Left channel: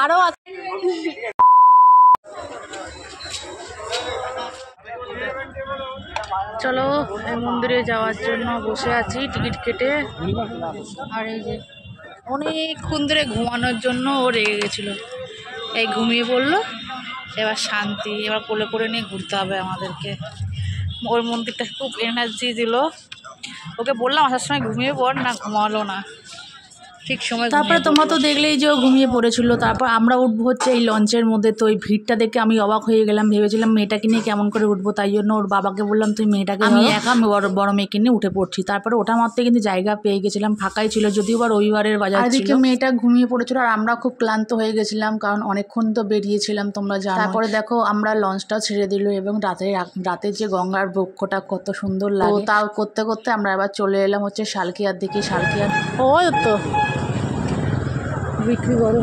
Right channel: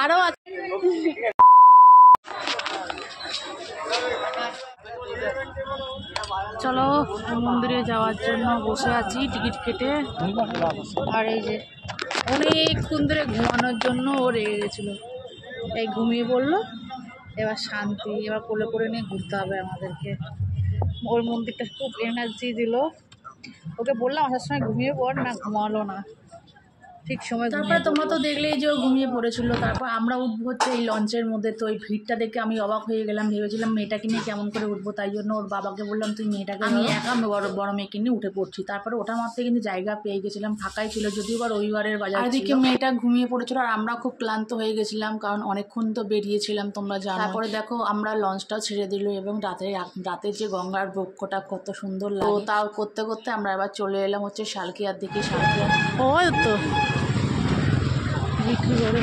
আরো আছে। চলো এই মন্দিরে যাওয়ার জন্য বসে আছি টিকিট কেটে। আর এই যে অনেকক্ষণ ধরে ঘুমানোর জন্য ও রেগে গেছিল, এই ঘুমিয়ে পড়লো। এবার শান্তি, এবার কোলে করে নিয়ে ঘুরতে হবে আমাদেরকে। ওর মন্দিরটা খুব এনার্জি দিল। ওকে বললাম আসার সময় ঘুমিয়ে পড়, না ঘুমালো না, ঠিক সময়। তারপরে তোমরা তো দেখলেই যে ও ঘুমিয়ে পড়েছিল। তারপর আমরা উঠবো হচ্ছে এই লঞ্চের মধ্যে। তো এই ভিড়টা দেখে আমি অবাক হয়ে গেলাম, ভেবেছিলাম মেয়েটাকে নিয়ে কেমন করে উঠবো। তাই জন্য ওর বাবাকে বললাম তুই মেয়েটাকে, আমি একা বড় মেয়েকে নিয়ে উঠে পড়ছি। তারপরে ওটা মাত্র কিন্তু জায়গা পেয়ে গেছিলাম, ফাঁকাই ছিল, যদিও বা রবিবারের বাজার ছিল। এদিকে মেয়েটা ঘুমিয়ে পড়েছিল আর আমরা খুব ক্লান্ত হয়ে গেছিলাম, কারণ অনেকক্ষণ তো বেরিয়েছিলাম তোমরা জানো। তারপরে দেখো আমরা লঞ্চটাও ছেড়ে দিল এবং রাতে যে গঙ্গার বক্ষটা কত সুন্দর লাগে। তাও করতে করতে আমরা আবার চলে এলাম হচ্ছে শালকিয়ার দিকে। শালকিয়ার ও তো বিক্রি করে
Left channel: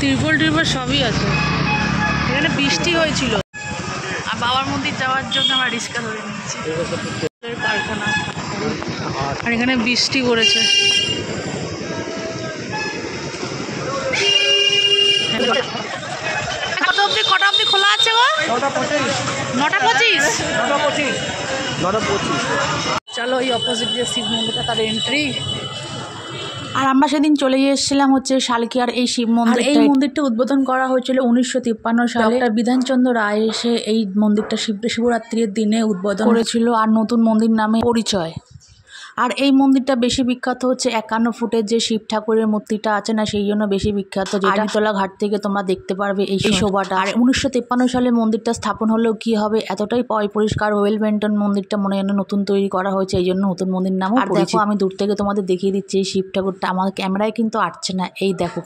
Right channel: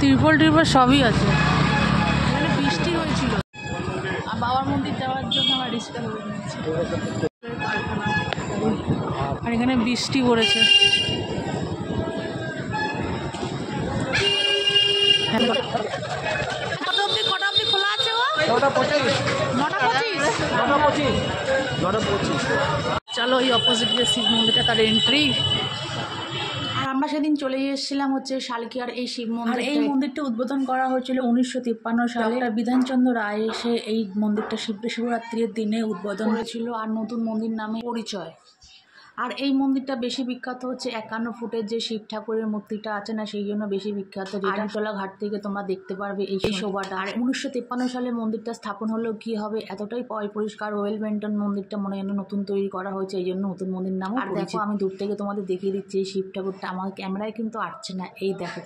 তিরপল সবই আছে। এখানে বৃষ্টি হয়েছিল আর বাবার মন্দির যাওয়ার জন্য আমরা রিক্সা ধরে নিচ্ছি কারখানা। আর এখানে বৃষ্টি পড়েছে। কটা অব্দি খোলা আছে গো? 9:25। চলো এই অপোজিট যে শিব মন্দিরটা, তার এন্ট্রি। আর আমরা সেদিন চলে এসেছিলাম হচ্ছে শালকিয়ার এই শিব মন্দির। এই মন্দিরটা উদ্বোধন করা হয়েছিল 1953 সালে। ডক্টর বিধানচন্দ্র রায় এসে এই মন্দিরটা শিবরাত্রির দিনে উদ্বোধন করেছিল আর নতুন মন্দির নামে পরিচয়। আর এই মন্দিরটা বেশি বিখ্যাত হচ্ছে 51 ফুটের যে শিব ঠাকুরের মূর্তিটা আছে না, সেই জন্য বেশি বিখ্যাত। আড়িতলা ঘাট থেকে তোমরা দেখতে পারবে এই শোভাটা। আর 1953 সালে মন্দিরটা স্থাপন হলেও কি হবে, এতটাই পরিষ্কার ওয়েল মেইনটেইন মন্দিরটা, মনে হয় নতুন তৈরি করা হয়েছে, এই জন্য নতুন মন্দির নামও পরিচিত। দেখো আমি দূর থেকে তোমাদের দেখিয়ে দিচ্ছি এই শিব ঠাকুরটা। আমার ক্যামেরায় কিন্তু আসছে না, এই দেখো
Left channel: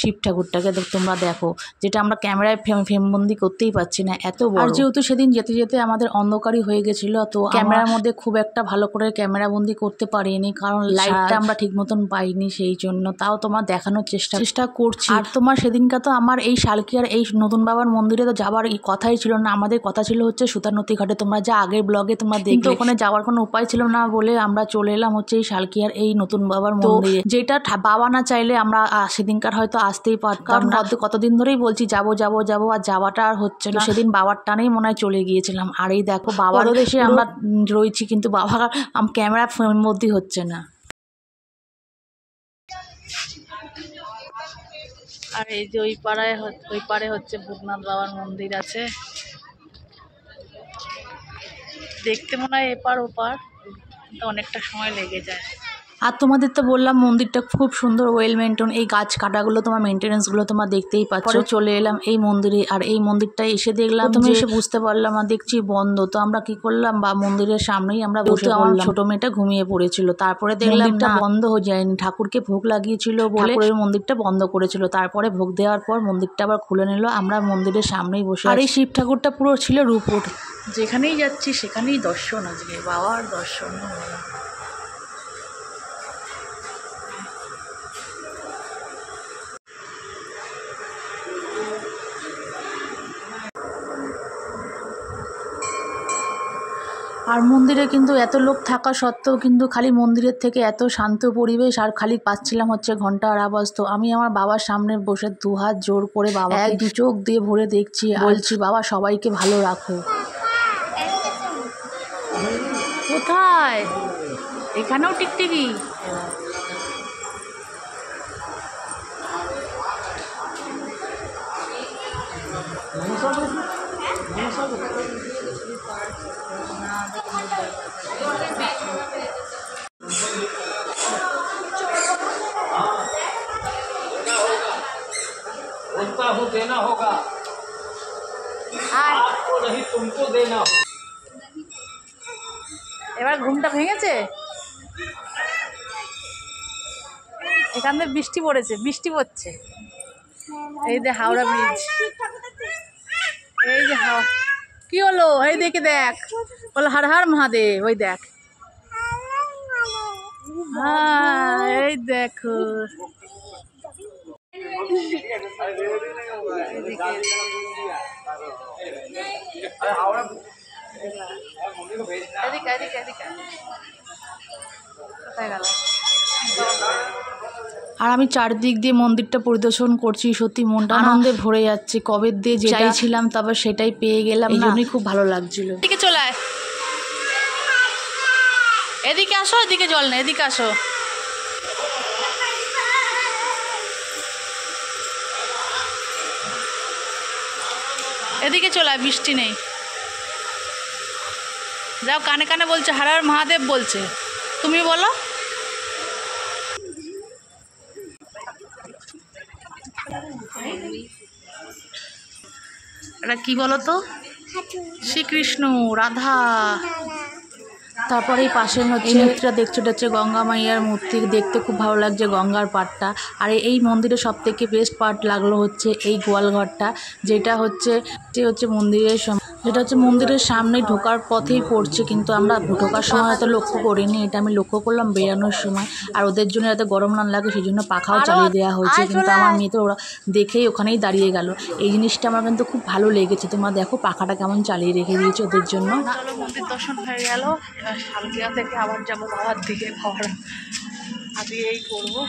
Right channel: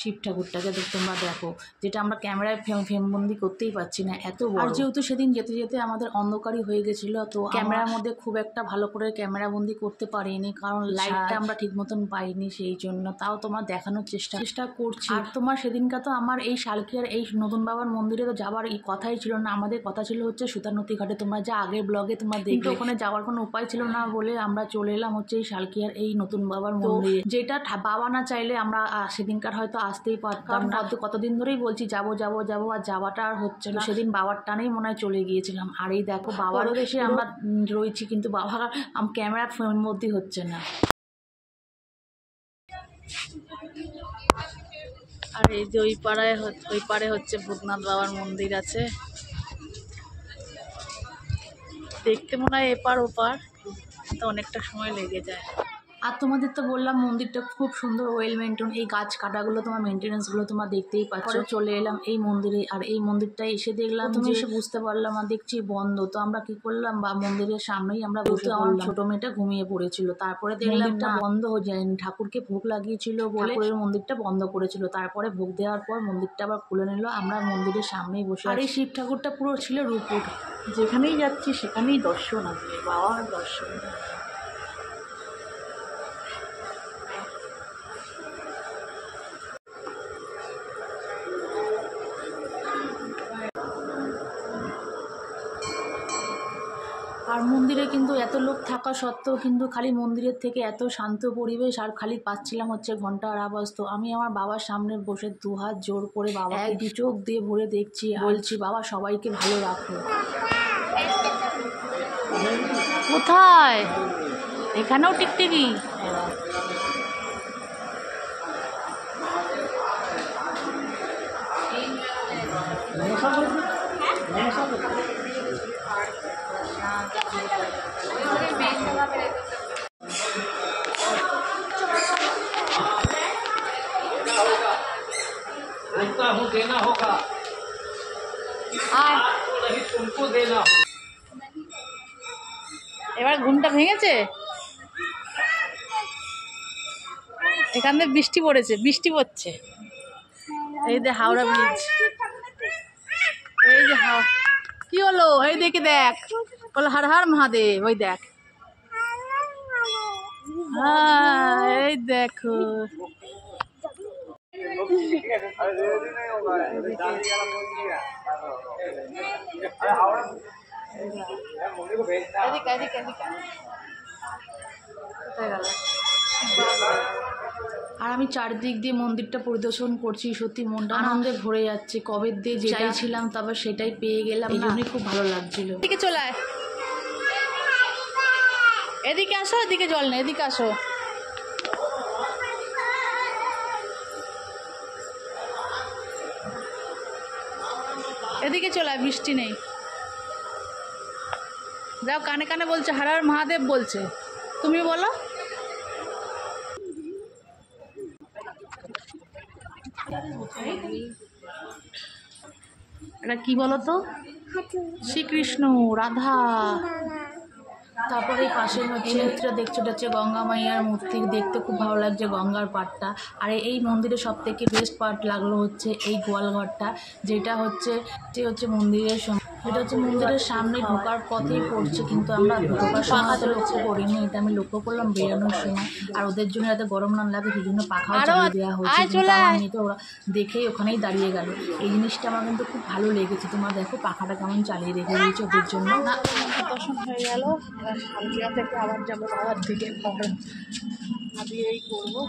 শিব ঠাকুরটাকে তোমরা দেখো, যেটা আমরা ক্যামেরায় ফ্রেমবন্দি করতেই পারছি না, এত বড়। আর যেহেতু সেদিন যেতে যেতে আমাদের অন্ধকারই হয়ে গেছিলো, তো ক্যামেরার মধ্যে খুব একটা ভালো করে ক্যামেরা বন্দি করতে পারিনি, কারণ লাইটটা আমরা ঠিক মতন পাইনি, সেই জন্য। তাও তোমার দেখানোর চেষ্টা করছি। আর তোমার সেদিনটা তো আমার এই শালকিয়ার এই নতুন বাবার মন্দিরে তো যাওয়ার কথাই ছিল না। আমাদের কথা ছিল হচ্ছে সুতারনদী ঘাটে, তোমরা যা আগের ব্লগে তোমরা দেখলে। ওখানে যাওয়ার কোনো উপায় ছিল না বলে আমরা চলে এলাম হচ্ছে এই শালকিয়ার এই নতুন বাবার মন্দিরে, যেটা বাবা না চাইলে আমরা সেদিনকার হয়তো আসতেই পারতাম না। কতদিন ধরেই বলছি যাবো, আর যাওয়াটা আর হচ্ছে না। সেদিন বাবার টানেই মনে হয় চলে গিয়েছিলাম। আর এই দেখো বাবার দেশে আমরা রয়েছি, কিন্তু বাবা ক্যামেরা ফ্রেমের মধ্যে হচ্ছে না। আর এই যে ওই পারে হচ্ছে ভূতনাথ বাবার মন্দির আছে, দেখতে মনে হয় এপার ওপার, তো অনেকটা সময় লেগে যায়। আর তোমাদের তো বললাম মন্দিরটা খুব সুন্দর ওয়েল মেইনটেইন। এই গাছ কাটাগুলো তোমার মেনটেন্যান্সগুলো তোমরা দেখতেই পাচ্ছ। চলে এলাম এই মন্দিরে, আর এই মন্দিরটায় এসে দেখলাম, তুমি এসে বুঝতে পারলাম আর দেখছি বন্ধ। তো আমরা কি করলাম, বা মন্দিরের সামনেই আমরা বসে পড়লাম। ছোট মেয়েটা ঘুমিয়ে পড়েছিল। তারপরে দেখলাম এটা বন্ধ হয়ে যায়নি, ঠাকুরকে ভোগ লাগিয়েছিল বলে মন্দিরটা বন্ধ করেছিল। তারপরে ভোগ দেওয়ার পর মন্দিরটা আবার খুলে নিল। আমরা মন্দিরের সামনেই বসে। আর এই শিব ঠাকুরটা পুরো ছিল রূপোর। যেখানেই যাচ্ছি সেখানেই দর্শন, আজকে বাবার দর্শন। আর মন্দিরে কিন্তু এত লোক থাকা সত্ত্বেও কিন্তু খালি মন্দিরের থেকে এত শান্ত পরিবেশ, আর খালি পাচ্ছিলাম হচ্ছে ঘন্টার আওয়াজ। তো আমি আমার বাবার সামনে বসে দুহাত জোর করে বাবা দু চোখ দিয়ে ভরে দেখছি, বলছি বাবা সবাইকে ভালো রাখো। কোথায়? এখানেও টিকটিকি। देना होगा, आपको नहीं तुमको देना होगा। এবার ঘুমটা ভেঙেছে। এখানে বৃষ্টি পড়ছে। এই যে হাওড়া ব্রিজ, এই যে কি হলো, এই দেখে দেখ, বল হর হর মহাদেব। ওই দেখ, হ্যাঁ এই দেখো। কোথায় গেল? আর আমি চারদিক দিয়ে মন্দিরটা পরিদর্শন করছি, সত্যি মনটা আনন্দে ভরে যাচ্ছে। কবে দিয়ে যে চাইছিলাম তবে সেটাই পেয়ে গেলাম, এই জন্যই খুব ভালো লাগছিল। এদিকে চলে আয়, এদিকে আসো, এদিকে জল না, এদিকে আসো। এদিকে চলে আয়, বৃষ্টি নেই। যাও, কানে কানে বলছে হর হর মহাদেব বলছে, তুমি বলো। এটা কি বলো তো? শ্রীকৃষ্ণ, রাধা। তারপরে এই পাশের মূর্তিটা দেখছো, এটা হচ্ছে গঙ্গা মাইয়ার মূর্তি। দেখতে খুব ভালো লাগছে গঙ্গার পাড়টা। আর এই মন্দিরের সব থেকে বেস্ট পার্ট লাগলো হচ্ছে এই গোয়ালঘরটা, যেটা হচ্ছে মন্দিরের সামনে ঢোকার পথেই পড়ছে, কিন্তু আমরা ঢোকার সময় হয়তো লক্ষ্য করিনি। এটা আমি লক্ষ্য করলাম বেরানোর সময়। আর ওদের জন্য যাতে গরম না লাগে সেই জন্য পাখাও চালিয়ে দেওয়া হয়েছে, কিন্তু আমার মেয়ে তো ওরা দেখেই ওখানেই দাঁড়িয়ে গেল। এই জিনিসটা আমার কিন্তু খুব ভালো লেগেছে। তোমরা দেখো পাখাটা কেমন চালিয়ে রেখে দিয়েছে ওদের জন্য। মন্দির দর্শন হয়ে গেল, এবার শালকিয়া থেকে আবার যাবো বাবার দিকে। খাবার আজকে এই করবো।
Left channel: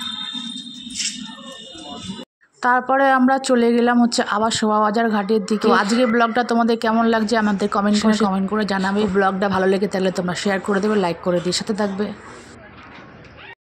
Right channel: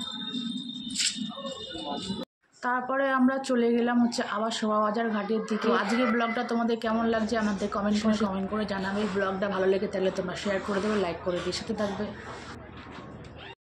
তারপরে আমরা চলে গেলাম হচ্ছে আবার শোভাবাজার ঘাটের দিকে। আজকে ব্লগটা তোমাদের কেমন লাগছে আমাদের কমেন্ট করে জানাবে। ব্লগটা ভালো লেগে থাকলে তোমরা শেয়ার করে দেবে, লাইক করে দিয়ে সাথে থাকবে।